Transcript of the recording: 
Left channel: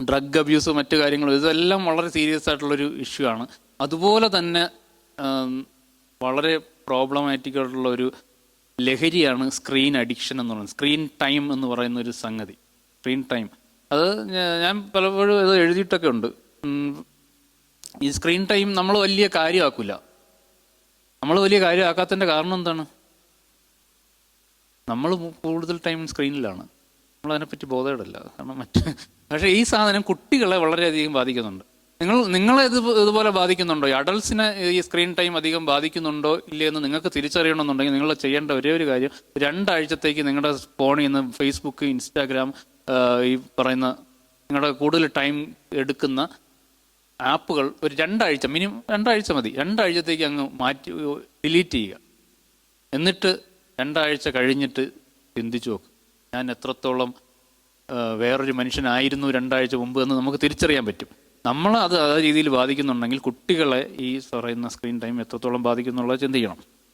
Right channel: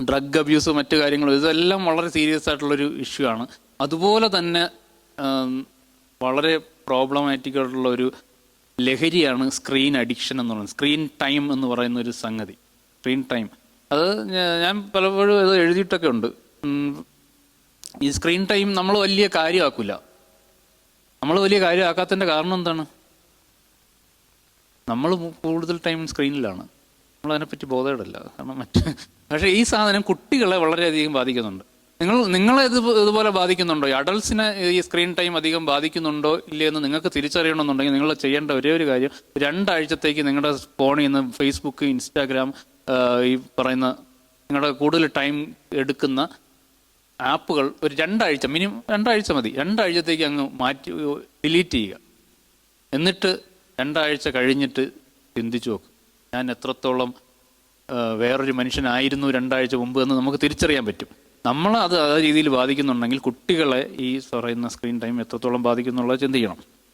Drug abuse മറ്റു കാര്യങ്ങളും ഇതെല്ലാം വളരെ സീരിയസ് ആയിട്ടുള്ളൊരു ഇഷ്യൂ ആണ്. അതുപോലെ തന്നെ വളരെ പ്രോബ്ലമാറ്റിക് ആയിട്ടുള്ള ഒരു ലഹരിയാണ് സ്ക്രീൻ അഡിക്ഷൻ എന്ന് പറയുന്നത്. സ്ക്രീൻ ടൈം എന്ന് പറയുന്ന ഒരു സംഗതി. സ്ക്രീൻ ടൈം അത് ഞാൻ പലപ്പോഴും ഇത് എഴുതിയിട്ടൊക്കെ ഉണ്ട്. ഈ സ്ക്രീൻ ടൈം നമ്മൾ വലിയ കാര്യമാക്കില്ല നമ്മൾ വലിയ കാര്യമാക്കാത്തതിന്റെ കാരണം എന്താണ്? നമ്മൾ കൂടുതൽ ടൈം സ്ക്രീനിലാണ് നമ്മൾ അതിനെപ്പറ്റി ബോധേടല്ല കാരണം മറ്റ് പക്ഷേ ഈ സാധനം കുട്ടികളെ വളരെയധികം ബാധിക്കുന്നുണ്ട്. നിങ്ങൾ നിങ്ങളെ ഇത് ഇതുപോലെ ബാധിക്കുന്നുണ്ടോ? ഈ അഡൾട്ട്സിനെ ഈ സ്ക്രീൻ ടൈം അധികം ബാധിക്കുന്നുണ്ടോ? ഇല്ലയെന്ന് നിങ്ങൾക്ക് തിരിച്ചറിയണമെന്നുണ്ടെങ്കിൽ നിങ്ങൾ ചെയ്യേണ്ട ഒരേ ഒരു കാര്യം രണ്ടാഴ്ചത്തേക്ക് നിങ്ങളുടെ ഫോണിൽ നിന്ന് ഫേസ്ബുക്ക് ഇൻസ്റ്റാഗ്രാം ഈ പറയുന്ന നിങ്ങളുടെ കൂടുതൽ ടൈം എടുക്കുന്ന ആപ്പുകൾ ഒരു രണ്ടാഴ്ച മിനിമം രണ്ടാഴ്ച മതി. രണ്ടാഴ്ചത്തേക്ക് അങ്ങ് മാറ്റി ഡിലീറ്റ് ചെയ്യുക. എന്നിട്ട് രണ്ടാഴ്ച കഴിഞ്ഞിട്ട് ചിന്തിച്ചു നോക്കും. ഞാൻ എത്രത്തോളം വേറൊരു മനുഷ്യനായിരുന്നു രണ്ടാഴ്ച മുമ്പ് എന്ന് നമുക്ക് തിരിച്ചറിയാൻ പറ്റും. നമ്മൾ അത് ആ രീതിയിൽ ബാധിക്കുന്നുണ്ടെങ്കിൽ കുട്ടികളെ ഈ പറയുന്ന സ്ക്രീൻ ടൈം എത്രത്തോളം ബാധിക്കുന്നുള്ളത് ചിന്തിക്കണം.